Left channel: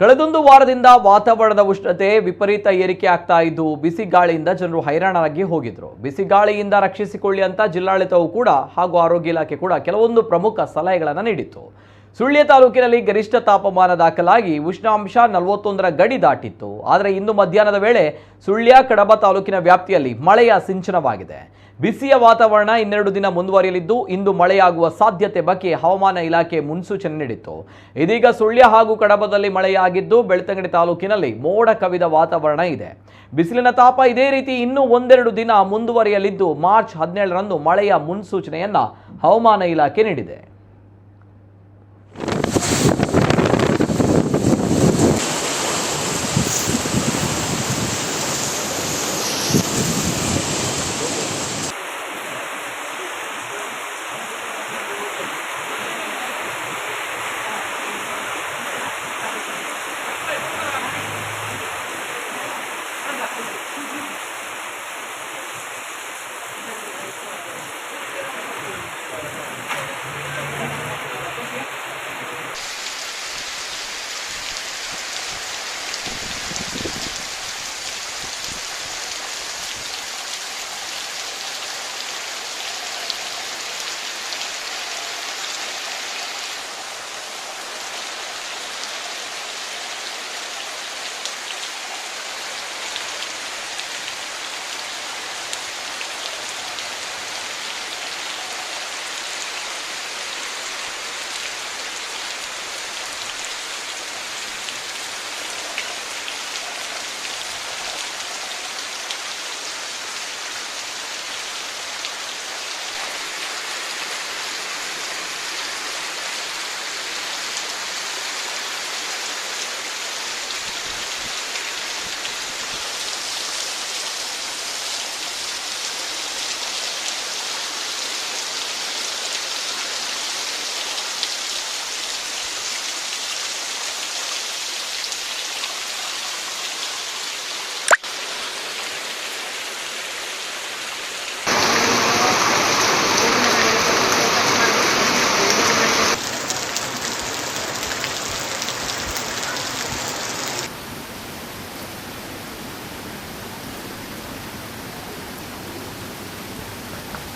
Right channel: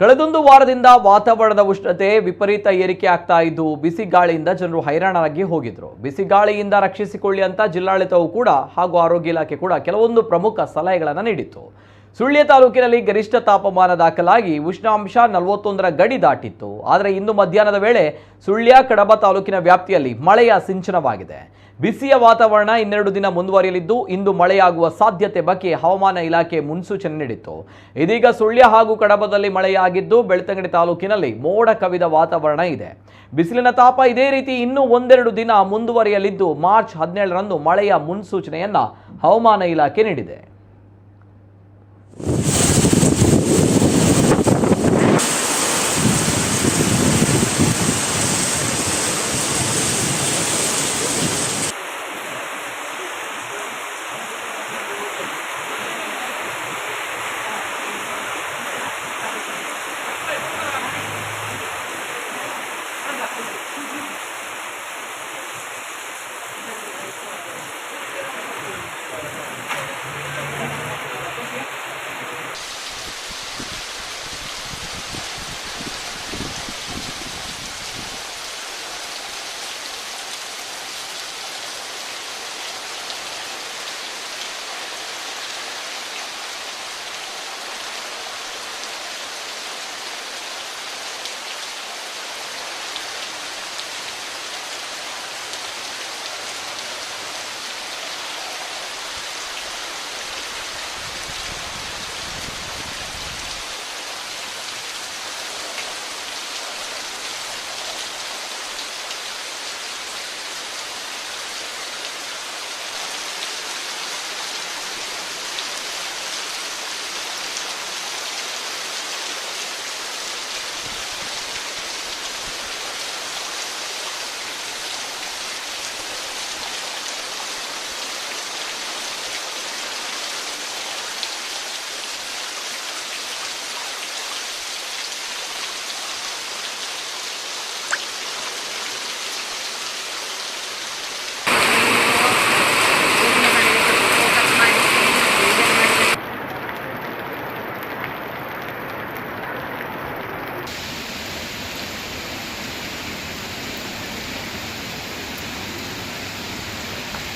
ಕಳೆದೊಂದು ವಾರದಿಂದ ವಾತಾವರಣದ ಉಷ್ಣತೆ ವಿಪರೀತ ಏರಿಕೆ ಆಗ್ತಾ ಇದ್ದು ಬಿಸಿ ಗಾಳಿಯಿಂದ ಜನರು ಹೈರಾಣರಾಗಿ ಹೋಗಿದ್ರು. ಬಿಸಿ ಗಾಳಿಯಿಂದ ರಕ್ಷಿಸಿಕೊಳ್ಳಿ ಅಂತ ಜಿಲ್ಲಾಡಳಿತವು ಕೂಡ ಹಾಗೂ ಆರೋಗ್ಯ ಇಲಾಖೆ ಕೂಡ ಕೆಲವೊಂದು ಪ್ರಮುಖ ಸಲಹೆಗಳನ್ನು ನೀಡಿತ್ತು. ಸುಳ್ಯ ತಾಲೂಕಿನಲ್ಲಿ ಗರಿಷ್ಠ ತಾಪಮಾನ ದಾಖಲಾಗಿ ಉಷ್ಣಾಂಶ 41ರ ಗಡಿ ದಾಟಿತ್ತು. ಆದರೆ ಇಂದು ಮಧ್ಯಾಹ್ನದ ವೇಳೆ ಸುಳ್ಯ ಕಡಬ ತಾಲೂಕಿನ ವ್ಯಾಪ್ತಿಯಲ್ಲಿ ಮಳೆಯ ಸಿಂಚನವಾಗಿದೆ. ಬಿಸಿಯ ವಾತಾವರಣ 12 ದಿನ ಮುಂದುವರಿಯಲಿದ್ದು ಇಂದು ಮಳೆಯಾಗುವ ಸಾಧ್ಯತೆ ಬಗ್ಗೆ ಹವಾಮಾನ ಇಲಾಖೆ ಮುನ್ಸೂಚನೆ ನೀಡಿತ್ತು. ಇದೀಗ ಸುಳ್ಯ ಹಾಗೂ ಕಡಬದಲ್ಲಿ ಮಳೆಯಾಗಿದ್ದು ಬೆಳ್ತಂಗಡಿ ತಾಲೂಕಿನಲ್ಲಿ ಮೋಡ ಕವಿದ ವಾತಾವರಣ ಇದೆ. ಬಿಸಿಲಿನ ತಾಪ ಇದೇ ರೀತಿ ಇನ್ನೂ 1-2 ದಿನ ಮುಂದುವರಿಯಲಿದ್ದು ಮಾರ್ಚ್ 17ರಂದು ಮಳೆಯ ಮುನ್ಸೂಚನೆಯನ್ನ ಹವಾಮಾನ ಇಲಾಖೆ ನೀಡಿದೆ.